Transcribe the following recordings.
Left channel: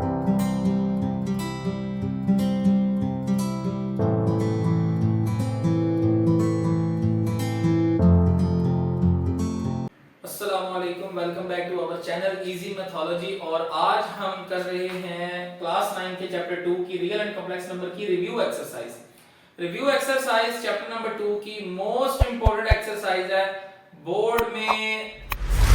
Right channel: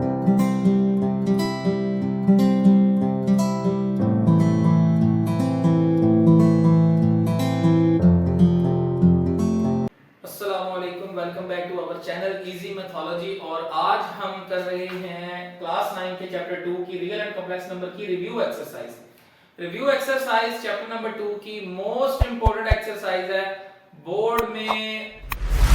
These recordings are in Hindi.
अस्सलामुअलैकुम, welcome back to our channel easy Mathology. और आज हम कर रहे हैं क्लास 9 के चैप्टर 2 की रियल एंड कॉम्प्लेक्स नंबर की review exercise. Review exercise chapter number 2 की मोस्ट इंपोर्टेंट एक्सरसाइज है। बोर्ड में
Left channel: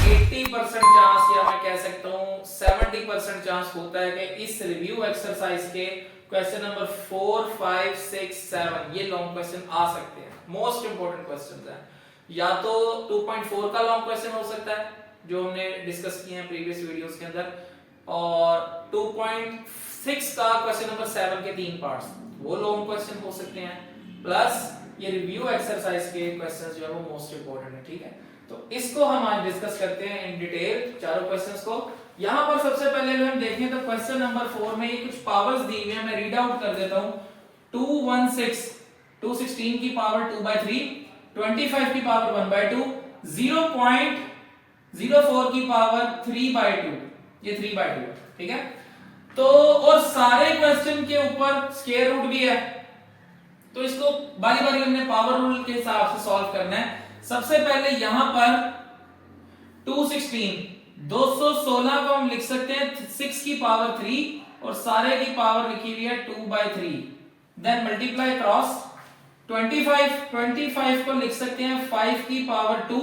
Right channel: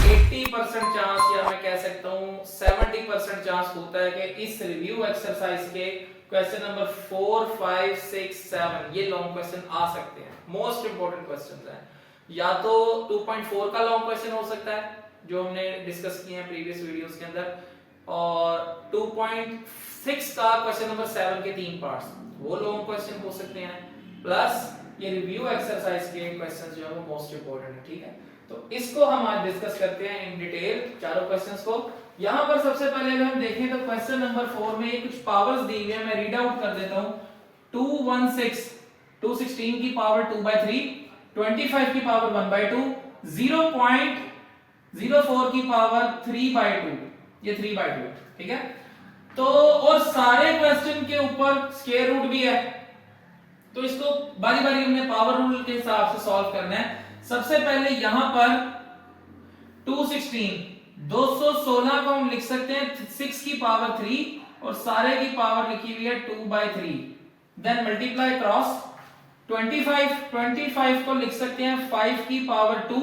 80% चांस या मैं कह सकता हूं 70% चांस होता है कि इस रिव्यू एक्सरसाइज के क्वेश्चन नंबर 4, 5, 6, 7 ये लॉन्ग क्वेश्चन आ सकते हैं। मोस्ट इंपोर्टेंट क्वेश्चन है। या तो 2.4 का लॉन्ग क्वेश्चन हो सकता है जो हमने डिस्कस किए हैं प्रीवियस वीडियोस के अंदर, और 2.6 का क्वेश्चन नंबर 7 के 3 पार्ट्स वो लॉन्ग क्वेश्चन हो सकते हैं, प्लस ये रिव्यू एक्सरसाइज के क्वेश्चंस जो है वो मोस्ट इंपोर्टेंट है। ठीक है, तो इसको हम आज डिस्कस करते हैं इन डिटेल चारों क्वेश्चंस को। यहां पर सबसे पहले अगर हम देखें तो क्वेश्चन नंबर 4 में ये कुछ पावर्स दी हुई है, मैं रीड आउट कर देता हूं। 216 की पावर 2/3, 25 की पावर 1/2, 0.04 की पावर 3/2, ये 3/2 है। ठीक है, तो और सारे क्वेश्चन के ऊपर स्क्वायर रूट भी है, तो इसको बारी बारी हमने पावर रूल के हिसाब से सॉल्व करना है। सबसे पहले यहां पर 216 को हम लिख सकते हैं 6 की पावर 3 और सारे की पावर लिखी हुई है 2/3, देन मल्टीप्लाई क्रॉस 25 को लिख सकते हैं 5 की पावर 2,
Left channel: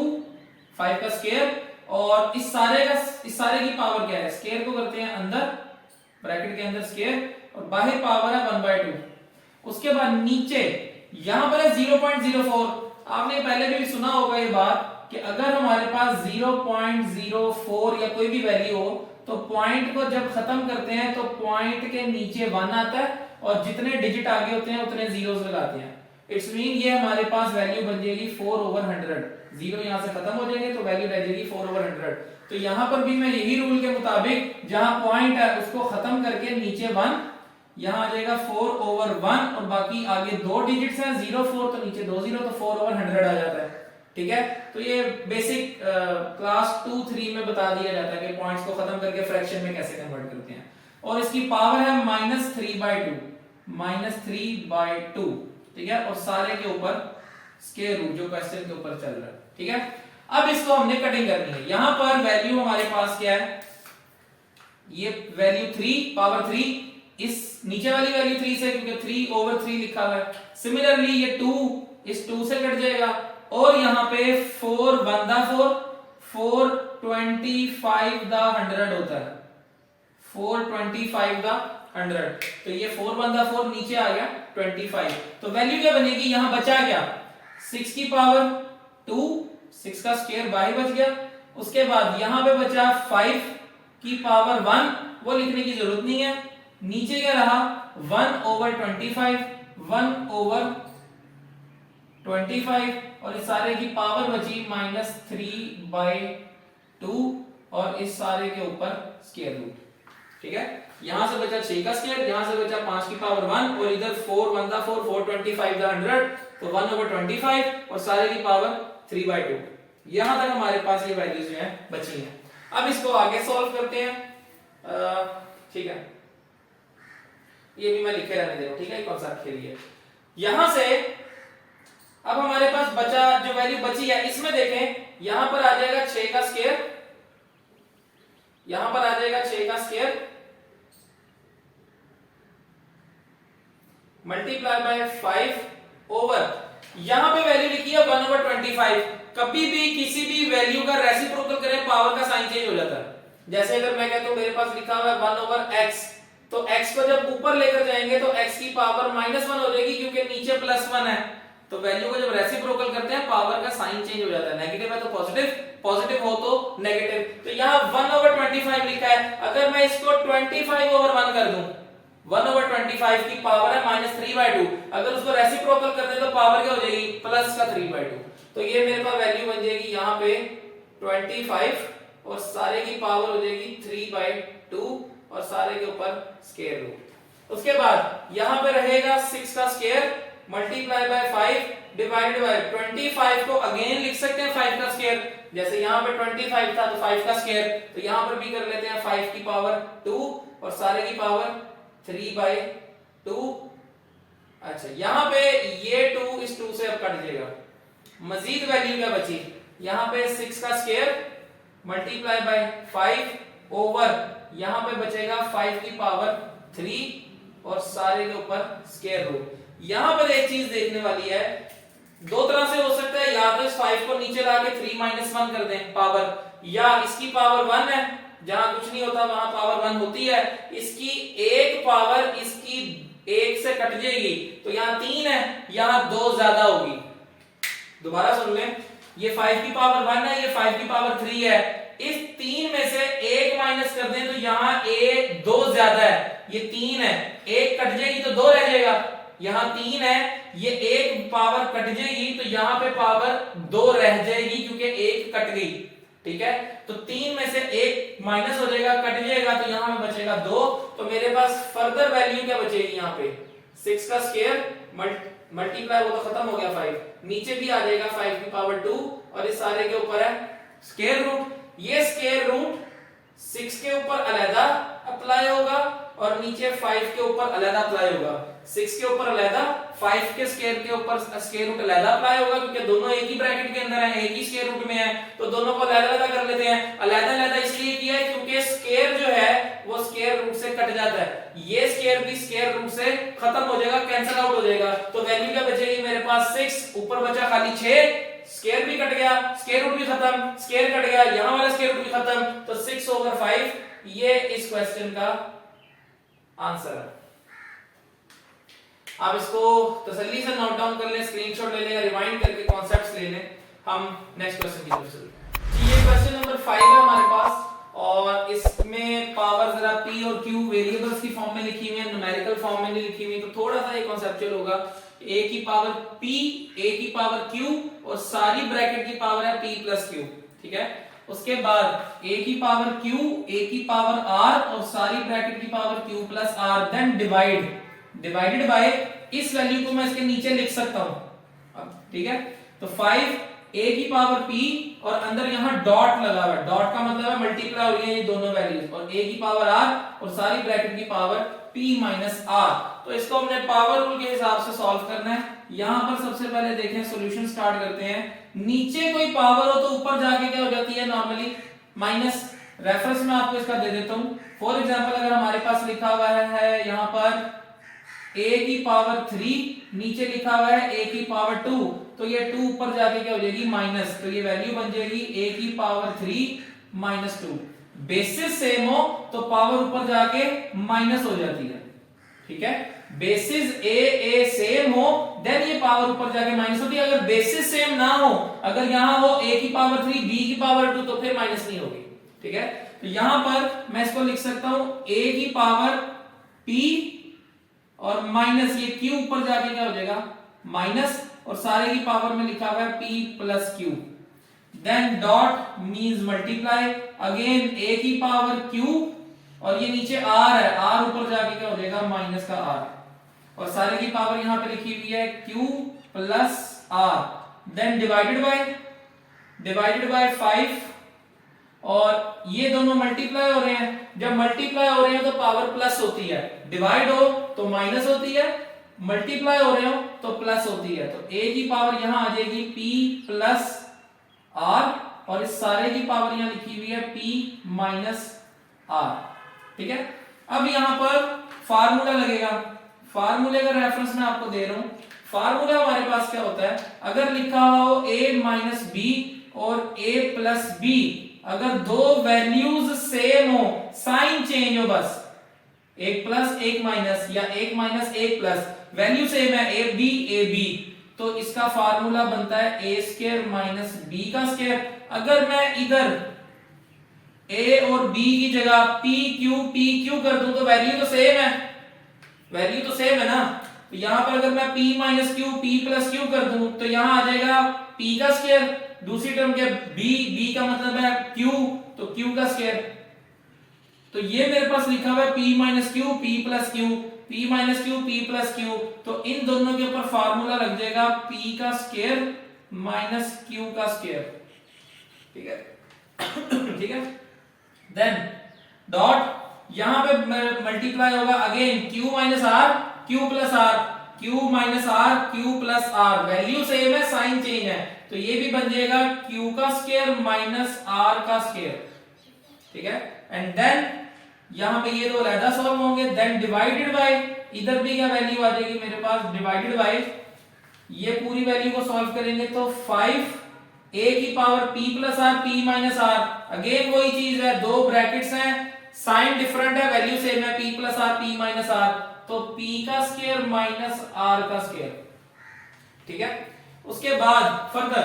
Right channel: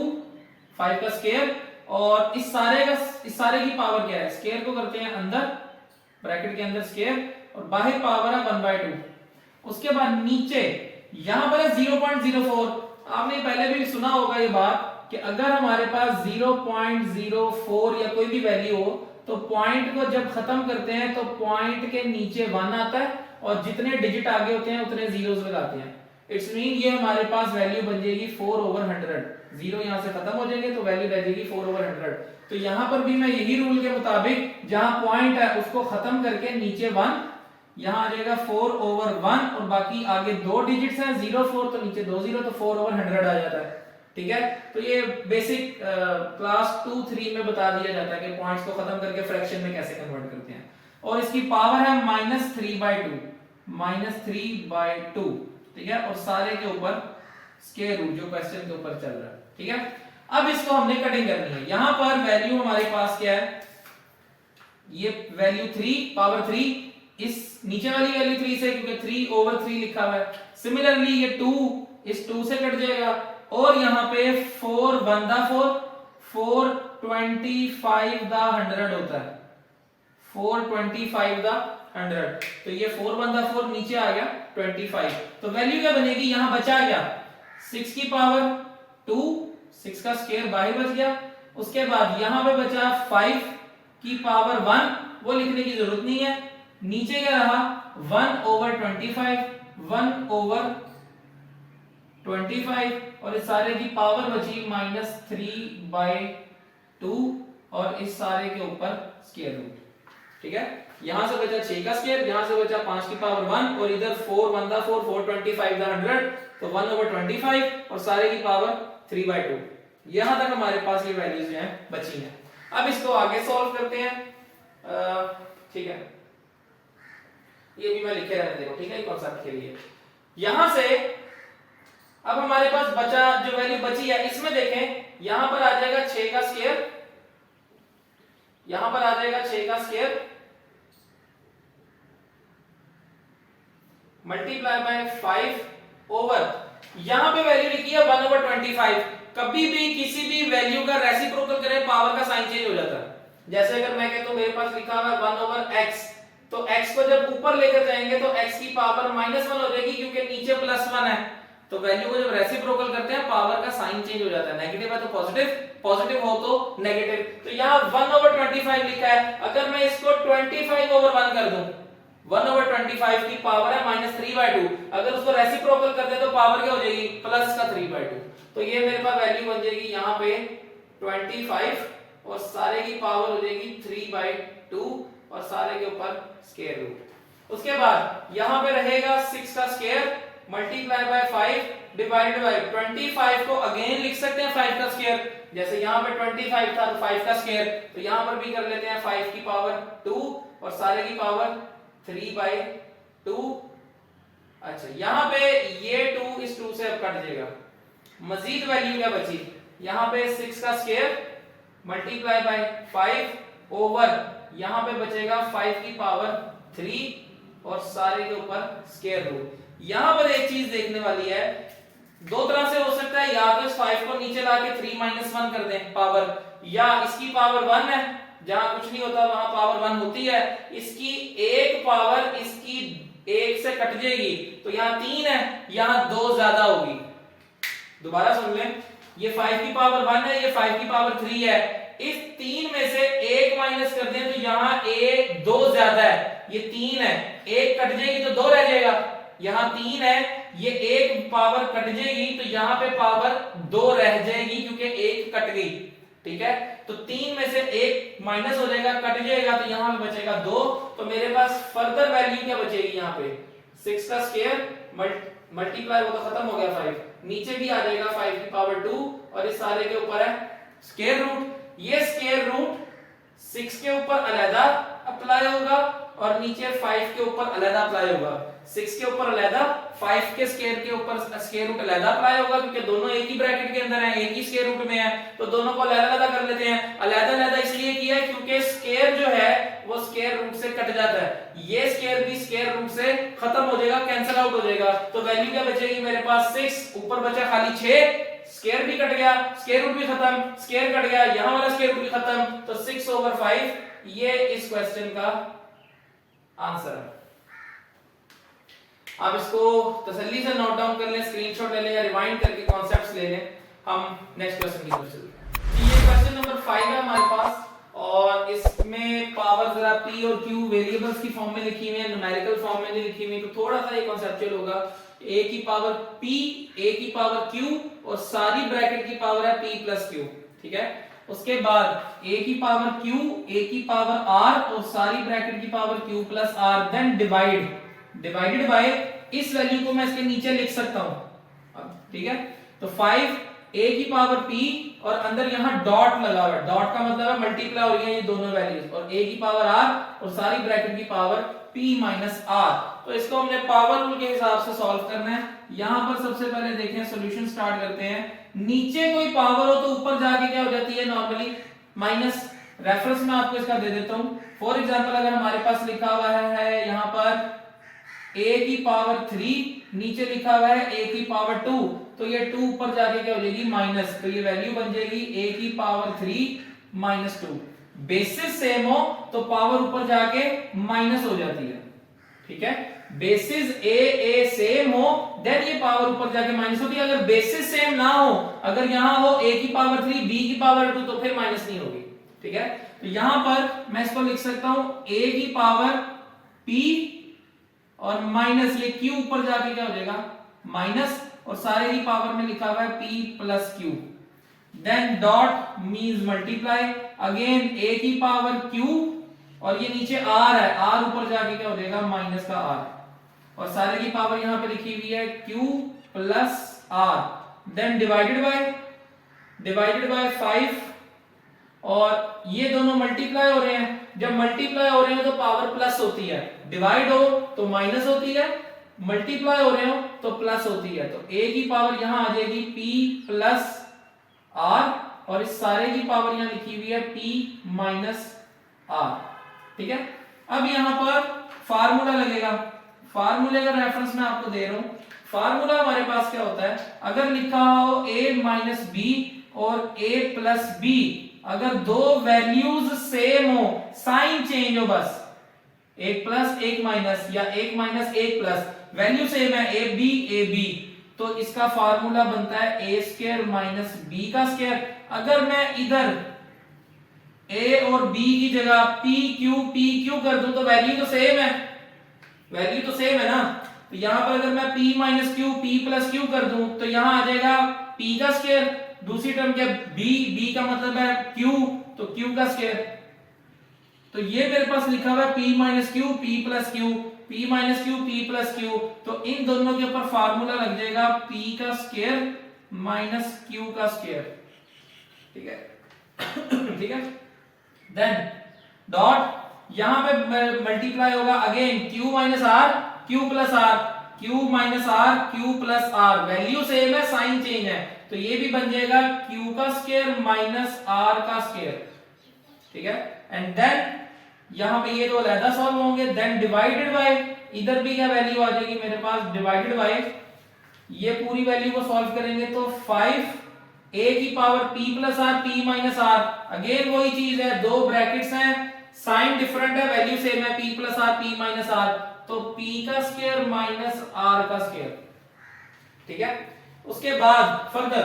5 का स्क्वायर, और इस सारे की पावर क्या है, स्क्वायर को करते हैं अंदर ब्रैकेट के अंदर स्क्वायर और बाहर पावर है 1/2। उसके बाद नीचे यहां पर है 0.04। आपने पहले भी सुना होगा ये बात कि अगर हमारे पास 0.04 या कोई भी वैल्यू हो तो पॉइंट को जब खत्म करते हैं तो पॉइंट के नीचे 1 आता है और जितने डिजिट आगे होते हैं उतने जीरोस लगाते हैं। इट्स मीन ये हमारे पास वैल्यू बन जाएगी 4/100। जीरो यहां से खत्म हो जाएंगे तो वैल्यू रह जाएगी 4/100। तो यहां पर भी मैं यही रूल के मुताबिक जहां पॉइंट है उसको खत्म करके नीचे 1, यहां आ जाएगा 4/1 और बाकी आगे 2 डिजिट्स हैं 04 तो नीचे 2 0 तो 4/100 आ जाता है। ठीक है, तो ये बेसिक क्लास 2-3 में बता दिया जाता है कि पॉइंट्स को खत्म करके फ्रैक्शन में कैसे कन्वर्ट करते हैं। और इसकी पावर है -3/2। ठीक है, और सारे के ऊपर स्क्वायर रूट जो क्वेश्चन के ऊपर चल रहा है। ठीक है, अब इसको हमने कटिंग करनी है। यहां पर वैल्यू हमारे पास क्या है, ये वैल्यू 3 पावर 3, इस नीचे वाली वैल्यू 3 से क्योंकि 3/3 लिखा हुआ है। सिमिलरली ये 2 इस 2 से कट जाएगा और यहां पे 4 1 दा 4, 425 दा 100 होता है, 425 दा 100। तो ये 4 1 दा 4 नीचे आ गया 25। तो वैल्यू क्या बनेगी, यहां बचा क्या 6 की पावर 2, 6 का स्क्वायर बाहर बच गया। उसके बाद यहां पे बचा 5 की पावर 1, वो लिखने की जरूरत नहीं है। नीचे क्या रहा 1/25, 1/25 और इस सारे की पावर बची -3/2 और इस सारे के ऊपर स्क्वायर रूट। ठीक है, यहां से बचा 6 का स्क्वायर, यहां से बचा 5 की पावर 1 और इधर 4 1 दा 4, 425 दा 100 तो 1/25 और सारे की पावर 3/2। यहां तक हमारे पास ये वैल्यूज जो है बची हैं। अब इसको आगे सॉल्व करते हैं। ठीक है, ये भी मैं लिखे रहने दे रहा हूं, ठीक है, कॉन्सेप्ट के लिए। यहां से अब हमारे पास बचा जो वैल्यू बची है, इसमें देखें यहां पर आ जाएगा 6 का स्क्वायर, यहां पर आ जाएगा 6 का स्क्वायर मल्टीप्लाई बाय 5 ओवर यहां पे वैल्यू लिखी है 1/25। कभी भी किसी भी वैल्यू का रेसिप्रोकल करें पावर का साइन चेंज हो जाता है। जैसे अगर मैं कहता हूं मेरे पास लिखा हुआ है 1/x, तो x को जब ऊपर लेकर जाएंगे तो x की पावर -1 हो जाएगी क्योंकि नीचे +1 है। तो वैल्यू को जब रेसिप्रोकल करते हैं पावर का साइन चेंज हो जाता है, नेगेटिव है तो पॉजिटिव, पॉजिटिव हो तो नेगेटिव। तो यहां 1/25 लिखा है, अगर मैं इसको 25/1 कर दूं, 1/25 की पावर है -3/2, अगर उसको रेसिप्रोकल कर दे तो पावर क्या हो जाएगी प्लस का 3/2। तो ये मेरे पास वैल्यू बन जाएगी यहां पे 25 और सारे की पावर हो जाएगी 3/2 और सारे के ऊपर स्क्वायर रूट। उसके बाद यहां पे रहेगा 6 का square multiply by 5 divided by 25 को अगेन लिख सकते हैं 5 का स्क्वायर, जैसे यहां पे 25 था तो 5 का स्क्वायर, तो यहां पर भी कर लेते हैं 5 की पावर 2 और सारे की पावर 3/2। अच्छा यहां पे ये 2 इस 2 से अब कट जाएगा, मजीद वैल्यू क्या बची, यहां पे 6 का स्क्वायर मल्टीप्लाई बाय 5 ओवर यहां पे बचेगा 5 की पावर 3 और सारे के ऊपर स्क्वायर रूट। यहां पर एक चीज देखने वाली है, दो तरह से हो सकता है, या तो इस 5 को नीचे लाके 3 - 1 कर दें पावर, या इसकी पावर 1 है, जहां कुछ नहीं होता वहां पावर 1 होती है, इसकी एक पावर इसकी एक से कट जाएगी, तो यहां 3 है, यहां 2 ज्यादा होगी। दोबारा सुन लें, ये 5 की पावर 1 है, ये 5 की पावर 3 है, इस 3 में से एक माइनस कर दें तो यहां 2 ज्यादा है, ये 3 है, एक कट जाएगी तो 2 रह जाएगा, यहां 3 है, ये एक पावर कट जाएगी तो यहां पे पावर 2 रह जाएगी क्योंकि एक कट गई। ठीक है, तो 3 में से एक माइनस हो जाएगा, कट जाएगा, तो यहां पे बचेगा 2। तो मेरे पास फर्दर वैल्यू क्या बचेगी, यहां पे 6 का स्क्वायर मल्टीप्लाई, वो तो खत्म हो गया 5, नीचे भी आ जाएगा 5 की पावर 2 और इस सारे के ऊपर है स्क्वायर रूट। ये स्क्वायर रूट 6 के ऊपर अलग अप्लाई होगा और नीचे 5 के ऊपर अलग अप्लाई होगा। 6 के ऊपर अलग, 5 के स्क्वायर के ऊपर स्क्वायर रूट अलग अप्लाई होगा, क्योंकि दोनों एक ही ब्रैकेट के अंदर है, एक ही स्क्वायर रूट में है, तो दोनों को अलग कर लेते हैं। अलग इसलिए किया है क्योंकि स्क्वायर जो है वो स्क्वायर रूट से कट जाता है, ये स्क्वायर भी स्क्वायर रूट से खत्म हो जाएगा, कैंसिल आउट हो जाएगा, तो वैल्यू क्या बचेगी मेरे पास 6, ऊपर बचा खाली 6, स्क्वायर भी कट गया, स्क्वायर रूट भी खत्म, स्क्वायर कट गया, यहां वाला स्क्वायर रूट भी खत्म, तो 6/5 ये इस क्वेश्चन का आंसर है। आप इसको तसल्ली से नोट डाउन कर लें, स्क्रीनशॉट ले लें या रिवाइंड करके कॉन्सेप्ट्स ले लें। हम नेक्स्ट क्वेश्चन की तरफ चलते हैं। ये क्वेश्चन नंबर 5 है हमारे पास, और इसमें पावर जरा p और q वेरिएबल्स की फॉर्म में लिखी हुई है, न्यूमेरिकल फॉर्म में नहीं लिखी हुई, तो थोड़ा सा ये कॉन्सेप्चुअल होगा। a की पावर p, a की पावर q और सारी ब्रैकेट की पावर है p प्लस q। ठीक है, उसके बाद a की पावर q, a की पावर r और सारी ब्रैकेट की power q plus r, then divided by इस वैल्यू को मैं इसके नीचे लिख सकता हूं। ठीक है, तो 5 a की पावर p और अंदर यहां डॉट लगा हुआ है, डॉट का मतलब है मल्टीप्लाई हो रही है ये दोनों वैल्यूज, और a की पावर r और सारी ब्रैकेट की पावर p माइनस r। तो इसको हमने पावर रूल के हिसाब से सॉल्व करना है। यहां पर सबसे पहले देखें, सॉल्यूशन स्टार्ट करते हैं। नीचे कोई पावर हो तो ऊपर जाके क्या हो जाती है नॉर्मली माइनस। रेफरेंस में आपको इसका दे देता हूं। फॉर एग्जांपल अगर हमारे पास लिखा हुआ है यहां पर a की पावर 3, नीचे लिखा हुआ है a की पावर 2, तो ये 2 ऊपर जाके क्या हो जाएगी माइनस, तो ये वैल्यू बन जाएगी a की पावर 3 माइनस 2। बेसिस सेम हो तो पावर ऊपर जाके माइनस हो जाती है। ठीक है, बेसिस a सेम हो देन ये पावर ऊपर जाके माइनस होती है। अगर बेसिस सेम ना हो, अगर यहां हो a की पावर 3 b की पावर 2, तो फिर माइनस नहीं होगी। ठीक है, तो यहां पर मैं इसको लिख सकता हूं a की पावर p और माइनस ये q ऊपर जाके क्या हो जाएगा माइनस, और सारे की पावर में लिखा हुआ है p plus q, then dot means multiply again a की पावर q और ये नीचे r है, r ऊपर जाके क्या हो जाएगा माइनस का r, और सारे की पावर यहां पे लिखी हुई है q plus r, then divided by 5, और ये दोनों मल्टीप्लाई हो रहे हैं। जब मल्टीप्लाई हो रहे हैं तो पावर प्लस होती है, डिवाइड हो तो माइनस होती है, मल्टीप्लाई हो रहे हो तो प्लस होती है। तो a की पावर यहां आ जाएगी p प्लस r और इस सारे की पावर यहां लिखी हुई है p माइनस r। ठीक है, अब यहां पर फार्मूला लगेगा। फार्मूले का रेफरेंस मैं आपको दे रहा हूं। फार्मूला हमारे पास क्या होता है, अगर लिखा हो a माइनस बी और a प्लस बी, अगर दो वैल्यूज सेम हो, साइन चेंज हो, बस एक प्लस एक माइनस या एक माइनस एक प्लस, वैल्यू सेम है ए बी, तो इसका फार्मूला बनता है ए स्क्वायर माइनस बी का स्क्वायर। अगर मैं इधर a और b की जगह p q कर दूं तो वैल्यू तो सेम है ना। तो यहां पर अगर मैं p minus Q p plus Q कर दूं तो यहां आ जाएगा p का स्क्वायर, दूसरी टर्म क्या b का मतलब है q, तो q का स्क्वायर। तो ये मेरे पास लिखा हुआ है p minus Q p plus Q, p minus Q p plus Q, तो इन दोनों के ऊपर फार्मूला लग जाएगा p का स्क्वायर माइनस q का स्क्वायर। ठीक है, ठीक है, देन डॉट यहां पे मल्टीप्लाई होगा again Q minus R Q plus R, Q minus R Q plus R, value same है साइन चेंज है, तो ये भी बन जाएगा क्यू का स्क्वायर माइनस आर का स्क्वायर, ठीक है। एंड देन यहां पे ये दो अलहदा सॉल्व होंगे, देन डिवाइडेड बाय, इधर भी क्या वैल्यू आ जाएगी मेरे पास, डिवाइडेड बाय, ये पूरी वैल्यू को सॉल्व करेंगे तो 5 a की power p plus R p minus R, again वही चीज है, दो ब्रैकेट्स हैं, साइन डिफरेंट है, वैल्यू सेम है, p plus R p minus R, तो p का स्क्वायर माइनस r का स्क्वायर, ठीक है। उसके बाद फर्दर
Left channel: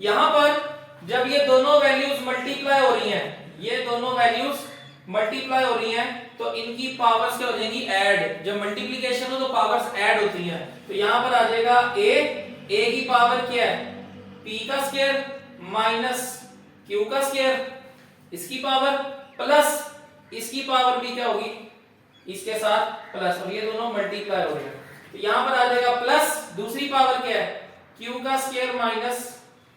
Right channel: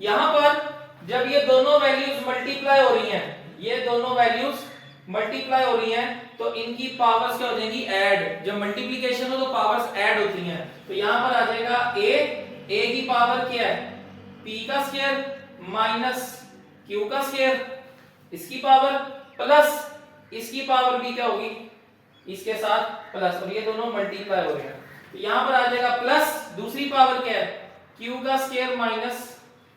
यहां पर जब ये दोनों वैल्यूज मल्टीप्लाई हो रही हैं, ये दोनों वैल्यूज मल्टीप्लाई हो रही हैं, तो इनकी पावर्स क्या हो जाएंगी, ऐड, जब मल्टीप्लिकेशन हो तो पावर्स ऐड होती हैं, तो यहां पर आ जाएगा a की पावर क्या है, p का स्क्वायर माइनस q का स्क्वायर, इसकी पावर प्लस इसकी पावर भी क्या होगी, इसके साथ प्लस, और ये दोनों मल्टीप्लाई हो रहे हैं, तो यहां पर आ जाएगा प्लस, दूसरी पावर क्या है, q का स्क्वायर माइनस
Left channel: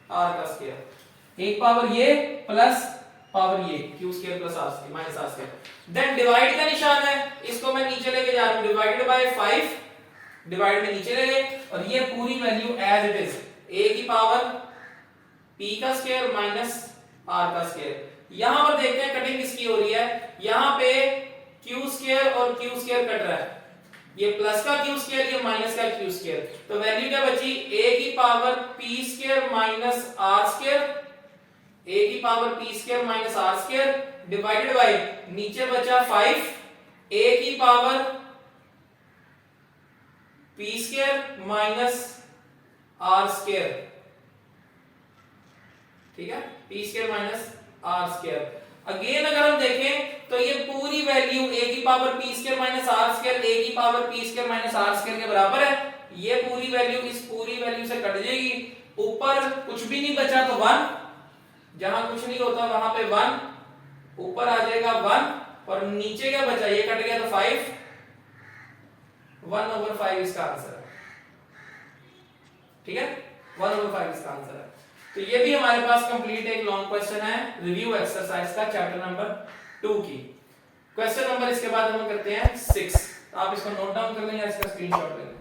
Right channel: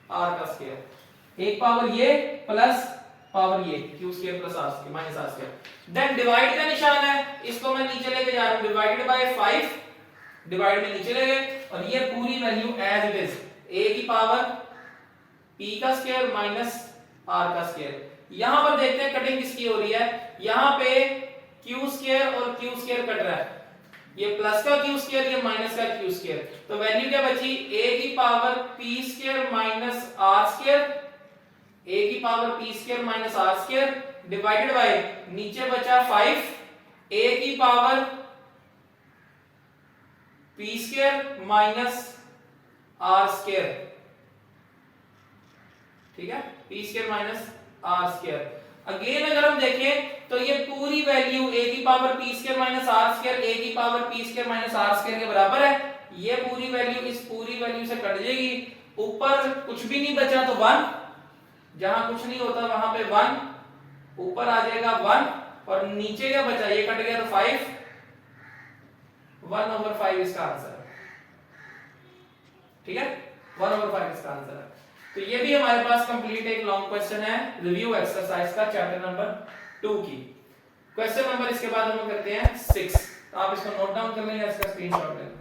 r का स्क्वायर, एक पावर ये प्लस पावर ये q square plus r square minus r square, then divide का निशान है, इसको मैं नीचे लेके जा रहा हूं, डिवाइडेड बाय 5, डिवाइड में नीचे ले गए, और ये पूरी value as it is, a की पावर p का स्क्वायर माइनस r का स्क्वायर। यहां पर देखते हैं कटिंग किसकी हो रही है, यहां पे q स्क्वायर और q स्क्वायर कट रहा है, ये प्लस का q स्क्वायर, ये माइनस का q स्क्वायर, तो वैल्यू क्या बची, a की power p square minus r square, a की power p square minus r square, divided by, नीचे बचा 5 a की power p square minus r square, ठीक है, p square minus r square. Again अगर हम देखें तो ये पूरी वैल्यू a की power p square minus r square, a की power p square minus r square के बराबर है, ये पूरी वैल्यू इस पूरी वैल्यू से कट जाएगी, ऊपर कुछ भी नहीं बचा तो 1, जहां कुछ नहीं होता वहां पे 1, ऊपर आ जाएगा 1, और नीचे क्या बचा, ये कट गया तो 5, 1/5 इसका आंसर है, ठीक है, 1/5 इसका आंसर है। तो ये भी हमारे पास कंप्लीट एक लॉन्ग क्वेश्चन है रिव्यू एक्सरसाइज का चैप्टर नंबर 2 की। क्वेश्चन नंबर इसके बाद हम करते हैं 6, तो आप इसको नोट डाउन कर लें या इसका स्क्रीनशॉट ले लें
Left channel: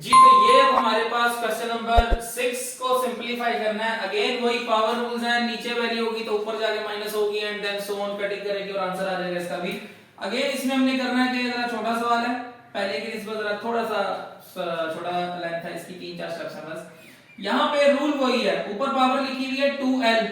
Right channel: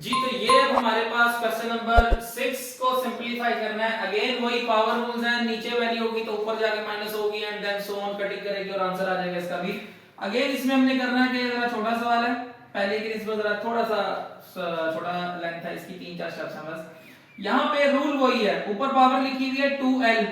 जी। तो ये अब हमारे पास क्वेश्चन नंबर 6 को सिंपलीफाई करना है, अगेन वही पावर रूल्स हैं, नीचे वैल्यू होगी तो ऊपर जाके माइनस होगी, and then so on, cutting करेंगे और आंसर आ जाएगा इसका भी। अगेन इसमें हमने करना है कि जरा छोटा सवाल है, पहले की इसमें जरा थोड़ा सा छोटा लेंथ है इसकी, 3-4 स्टेप्स है बस। यहां पे रूल वही है, ऊपर पावर लिखी हुई है 2l,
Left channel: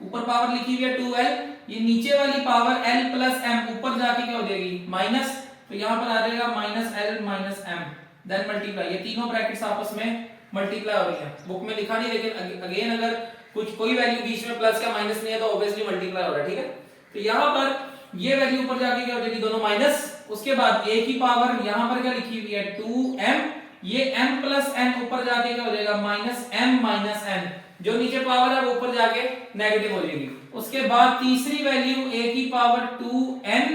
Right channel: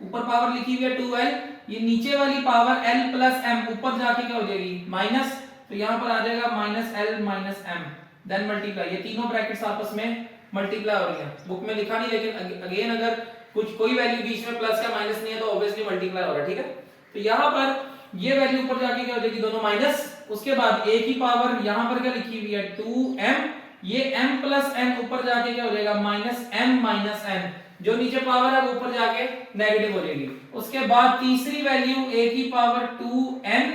ऊपर पावर लिखी हुई है 2l, ये नीचे वाली पावर l प्लस m, ऊपर जाके क्या हो जाएगी माइनस, तो यहां पर आ जाएगा minus l minus m, then multiply, ये तीनों ब्रैकेट्स आपस में मल्टीप्लाई हो रही हैं, बुक में लिखा नहीं, लेकिन अगेन अगर कुछ कोई वैल्यू बीच में प्लस का माइनस नहीं है तो ऑब्वियसली मल्टीप्लाई हो रहा है, ठीक है। तो यहां पर ये वैल्यू ऊपर जाके क्या हो जाएगी, दोनों माइनस, उसके बाद a की पावर यहां पर क्या लिखी हुई है 2m, ये m प्लस n ऊपर जाके क्या हो जाएगा माइनस m माइनस n, जो नीचे पावर है वो ऊपर जाके नेगेटिव हो जाएगी। उसके बाद तीसरी वैल्यू a की पावर 2n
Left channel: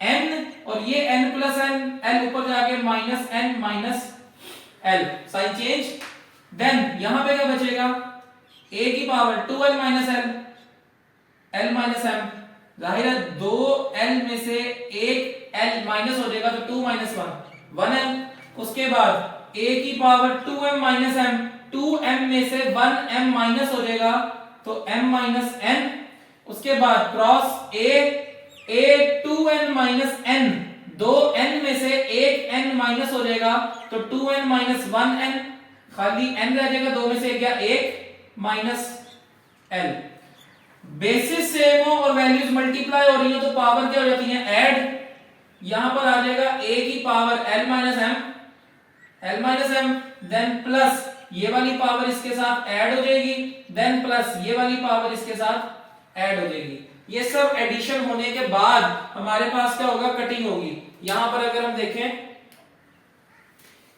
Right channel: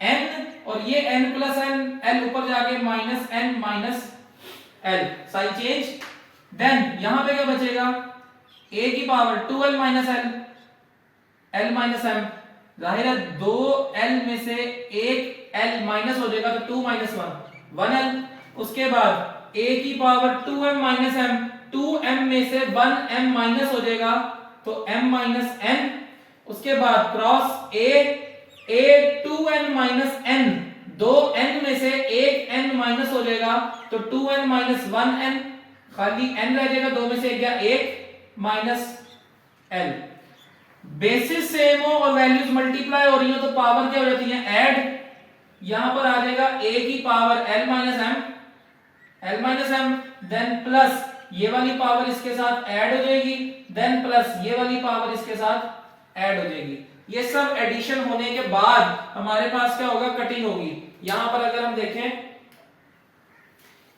n, और ये n प्लस n, l ऊपर जाके minus n minus l, sign change, then यहां पे क्या बचेगा, a की power 2l minus l, l minus m, जाहिर है 2l में से एक l माइनस हो जाएगा तो 2 माइनस 1 1l, उसके बाद a की power 2m minus m, 2m में से 1m माइनस हो जाएगा तो m माइनस n, उसके बाद cross a 2n minus n, 2n में से एक n माइनस हो जाएगा तो 2n माइनस 1n, खाली n रह जाएगा, 2 में से एक गया 1 माइनस l। बेसिस सेम हो और वैल्यूज मल्टीप्लाई हो रही हो तो पावर क्या हो जाती है ऐड, यहां पर आ जाएगा a की power l minus m, then plus ये वाली पावर इसके साथ ऐड हो जाएगी, देन प्लस ये वाली पावर इसके साथ ऐड हो जाएगी। ये सब एडिशन होने के बाद हमारे पास क्या होगा, कटिंग होगी। यहां पर अगर हम देखें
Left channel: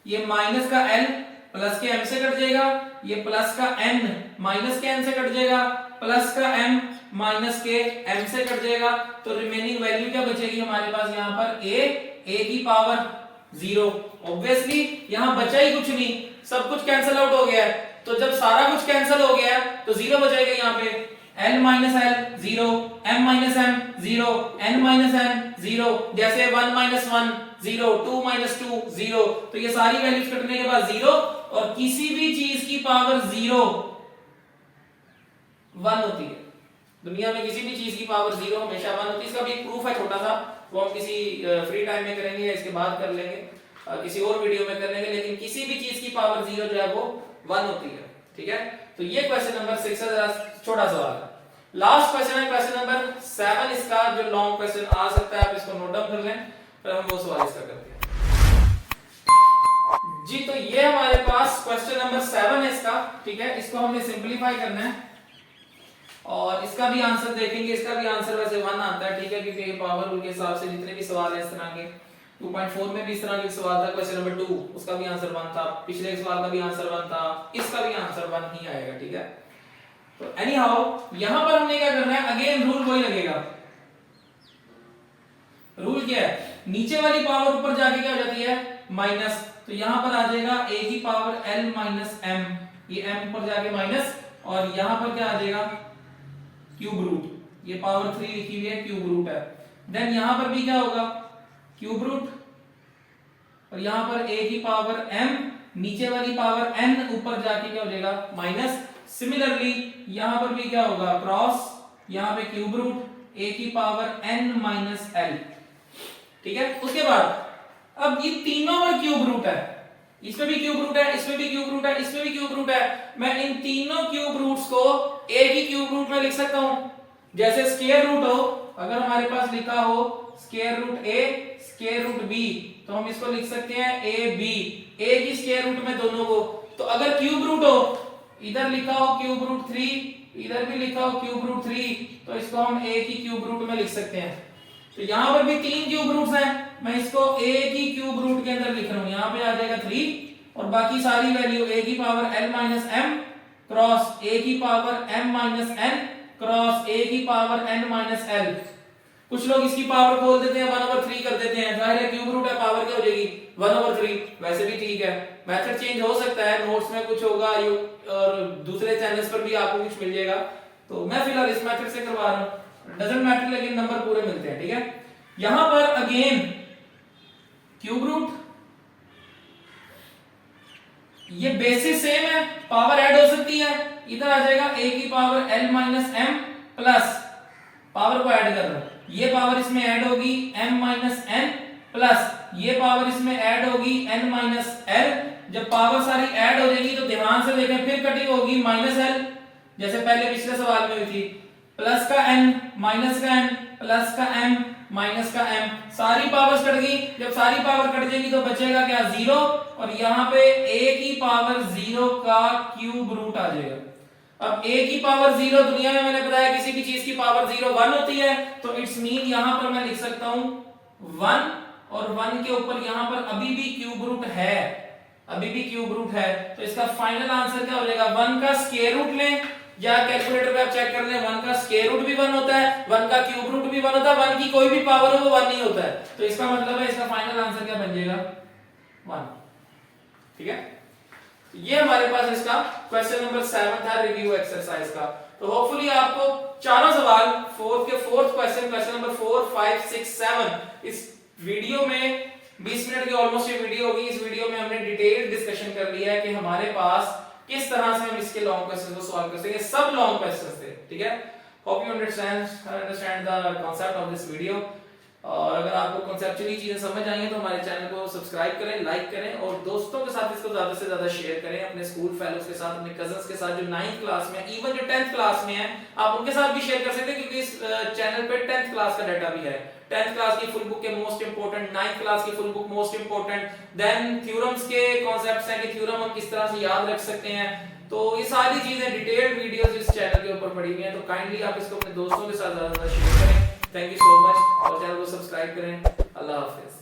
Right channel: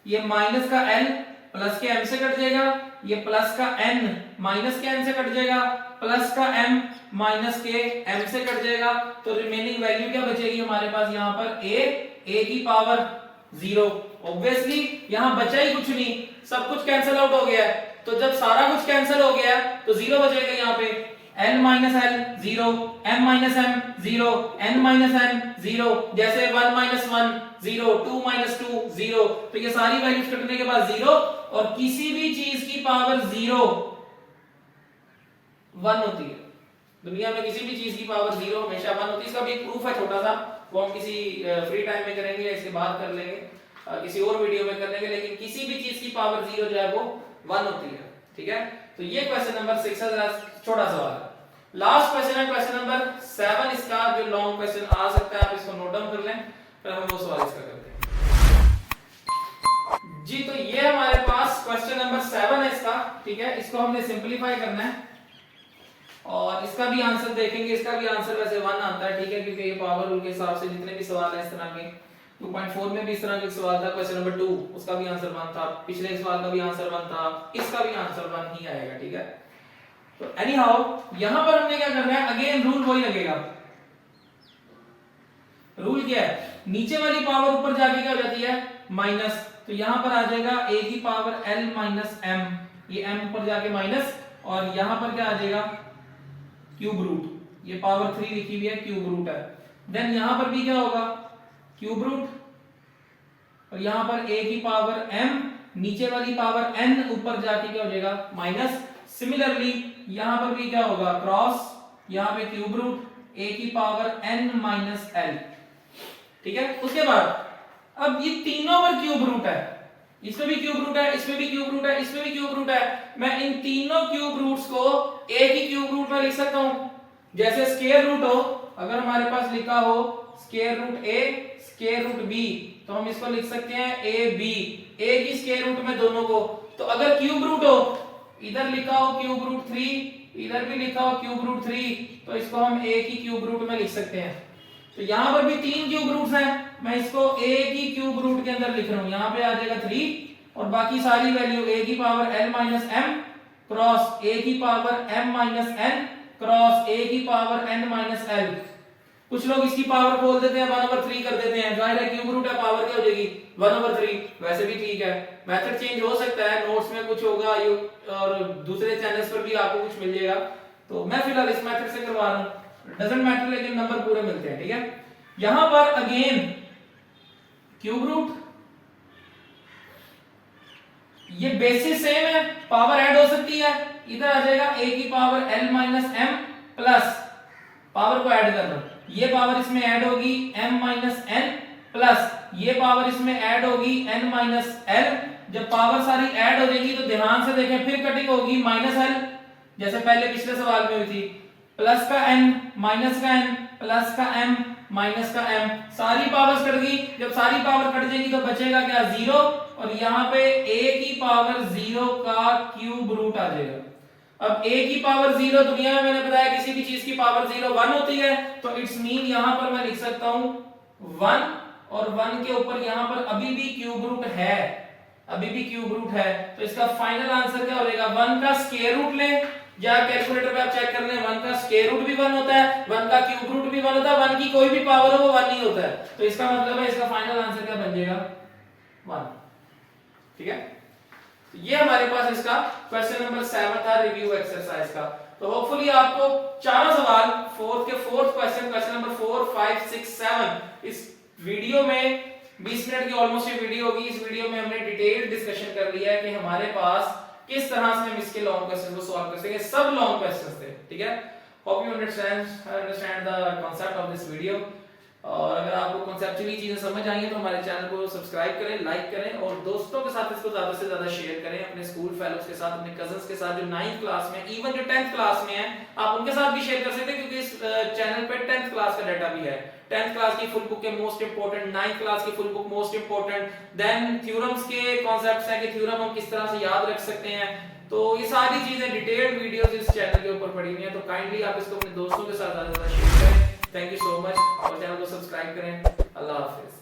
ये माइनस का l प्लस के m से कट जाएगा, ये प्लस का n माइनस के n से कट जाएगा, प्लस का m माइनस के m से कट जाएगा, तो रिमेनिंग वैल्यू क्या बचेगी हमारे पास यहाँ पर a की पावर 0। ऑब्वियसली यहां बचा ही कुछ नहीं, सब कुछ कैंसिल आउट हो गया है, तो जब सारा कुछ कैंसिल हो गया है तो 0 बचेगा यहाँ पे, L minus L 0, M minus M 0, N minus N 0, जैसे 1 माइनस 1 0, 2 माइनस 2 0, तो ये सारी वैल्यूज कटने के बाद 0, और किसी भी चीज की पावर 0 1 होती है। दुनिया में किसी भी चीज की पावर 0 हमेशा 1 होती है। इसका भी एक प्रूफ है छोटा सा, वो हम किसी फ्री टाइम में करेंगे, इसके बाद कर लेंगे, किसी और वीडियो में कर लेंगे, लेकिन किसी भी चीज की पावर 0 जो है वो 1 होती है। ठीक है, तो ये क्वेश्चन नंबर 6 है, जरा छोटा सवाल है। लास्ट क्वेश्चन है क्वेश्चन नंबर 7, इसका जो लॉन्ग क्वेश्चन आ सकता है, आप इसको नोट डाउन कर लें, फिर हम वो सवाल इसका करते हैं जी। तो ये हमारे पास क्वेश्चन नंबर 7 है इसका। ठीक है, इसको हमने सिंपलीफाई करना है और इसका भी आंसर देखेंगे। इसका भी आंसर वैसे 1 आता है, ठीक है, क्योंकि ये पावर रूल के हिसाब से जितने भी सवाल है इस तरह के, 2.4 में भी इस तरह का सवाल था, क्वेश्चन नंबर 2 उसका भी आंसर 1 था, पिछले सवाल का भी आंसर 1 था, इसका भी आंसर 1 ही आएगा। ठीक है, तो एनी हाउ यहां पर हमने क्या करना है, अगेन रूल वही लगेगा। रूल क्या है, नीचे वाली पावर ऊपर जाके क्या हो जाती है माइनस, तो यहां पर आ जाएगा a की पावर l माइनस m, ये m ऊपर जाके माइनस, और यहां पर क्या आ जाएगा क्यूब रूट, ये पावर 3 लिखी हुई है, क्यूब रूट है। देन यहां पर भी क्या होगा क्यूब रूट, और यहां पर a की पावर m, नीचे वाली पावर n, ऊपर जाके क्या हो जाएगा माइनस। सिमिलरली यहां पर भी क्या होगा क्रॉस, यहां पे क्यूब रूट, a की पावर n माइनस l। ठीक है, उसके बाद अब ये तीनों पर क्यूब रूट है, इसमें भी क्यूब रूट है, इसमें भी क्यूब रूट है, इसमें भी क्यूब रूट है। मैं इन तीनों क्यूब रूट्स को a की क्यूब रूट में लिख सकता हूं, जैसे स्क्वायर रूट हो, अगर हमारे पास लिखा हो square root a square root b, तो हम इसको लिख सकते हैं a b, a की स्क्वायर रूट में दोनों को। तो अगर क्यूब रूट हो, इधर लिखा हो क्यूब रूट 3, इधर भी लिखा हो क्यूब रूट 3, तो इसको हम a की क्यूब रूट में लिख सकते हैं। तो यहां पर भी 3 क्यूब रूट्स हैं, मैं इसको a की क्यूब रूट के अंदर लिख रहा हूं, यहां पे आ जाएगा 3, और बाकी सारी वैल्यू a की power l minus m cross a की power m minus n cross a की पावर n माइनस l। कुछ लोग इसकी पावर खोल देते हैं, 1/3 कर देते हैं, जाहिर है क्यूब रूट है, पावर क्या हो जाएगी 1/3, वैसे भी ठीक है। मेथड चेंज हो सकता है, नोट्स में कुछ होगा और दूसरे चैनल्स पर भी आपको कुछ मिल जाएगा, तो मैं फिलहाल इस मेथड से करवा रहा हूं, डजंट मैटर, लेकिन नंबर पूरे मिलते हैं। ठीक है, यहां पर अगेन क्यूब रूट, ये बेसिस सेम है, पावर ऐड हो सकती है, इधर आ जाएगा a की power l minus m plus, power को ऐड कर लो, ये पावर इसमें ऐड होगी m माइनस n प्लस ये पावर इसमें ऐड होगी n माइनस l। जब पावर सारी ऐड हो जाएगी तो ध्यान से देखें, फिर कटिंग होगी माइनस l, जैसे पहले पिछले सवाल में हुई थी, प्लस का n माइनस का n प्लस का m माइनस का m, सारी पावर्स कट गई। जब सारी पावर कट जाएगी तो बचेगा क्या 0, और यहाँ पे a की पावर 0 का क्यूब रूट आ जाएगा। अब a की पावर 0 दुनिया में मैंने बताया किसी भी चीज की पावर 0 1 होती है, तो इट्स मीन यहां पर मैं लिख सकता हूं 1, और 1 के ऊपर यहां पर अभी भी क्यूब रूट है, अभी भी क्यूब रूट है, तो इसका फाइनल आंसर क्या हो जाएगा, 1 का स्क्वायर रूट लें, या कैलकुलेटर पे आप चेक कर लें, 1 का स्क्वायर रूट भी 1 होता है, 1 का क्यूब रूट भी 1 होता है, 1 की कोई भी पावर हो वो 1 नहीं होता है, तो इसका मतलब है इसका फाइनल आंसर क्या बन जाएगा 1। ठीक है, तो ये हमारे पास इसका क्वेश्चन नंबर 7 था रिव्यू एक्सरसाइज का। तो होपफुली आपको चारों सवाल फोर्थ क्वेश्चन, क्वेश्चन नंबर 4 5 6 7 इस वीडियो में 20 मिनट की ऑलमोस्ट ये वीडियो होगी। इस वीडियो में हमने डिटेल डिस्कशन कर लिया है कि हमारे पास किस तरह से हम इसके लॉन्ग क्वेश्चन को सॉल्व कर सकेंगे, सब लॉन्ग क्वेश्चन थे। ठीक है, hope you understand the concept of this video. और अगर आपको कॉन्सेप्चुअली चीजें समझ आई हैं तो हमारे चैनल को सब्सक्राइब करें, लाइक करें, और दोस्तों के साथ इसको ज्यादा से ज्यादा शेयर करें, अपने स्कूल फेलोज के साथ, अपने कजन्स के साथ जो 9th क्लास में, इवन जो 10th क्लास में है, आप उनके साथ भी शेयर कर सकते हैं, क्योंकि इस चैनल पे 10th क्लास का डाटा भी है। 10th क्लास की फुल बुक के मोस्ट इंपोर्टेंट, 9th क्लास की full book most important, then theorems के कॉन्सेप्ट्स हैं कि थ्योरम हम किस तरह से याद रख सकते हैं, तो ये सारी चीजें डिटेल्ड वीडियोस इस चैनल के ऊपर पड़ी हुई हैं। तो काइंडली आप इसको अपने दोस्तों के साथ ज्यादा शेयर करें। थैंक यू सो मच, और चैनल को सब्सक्राइब करें। अल्लाह हाफिज।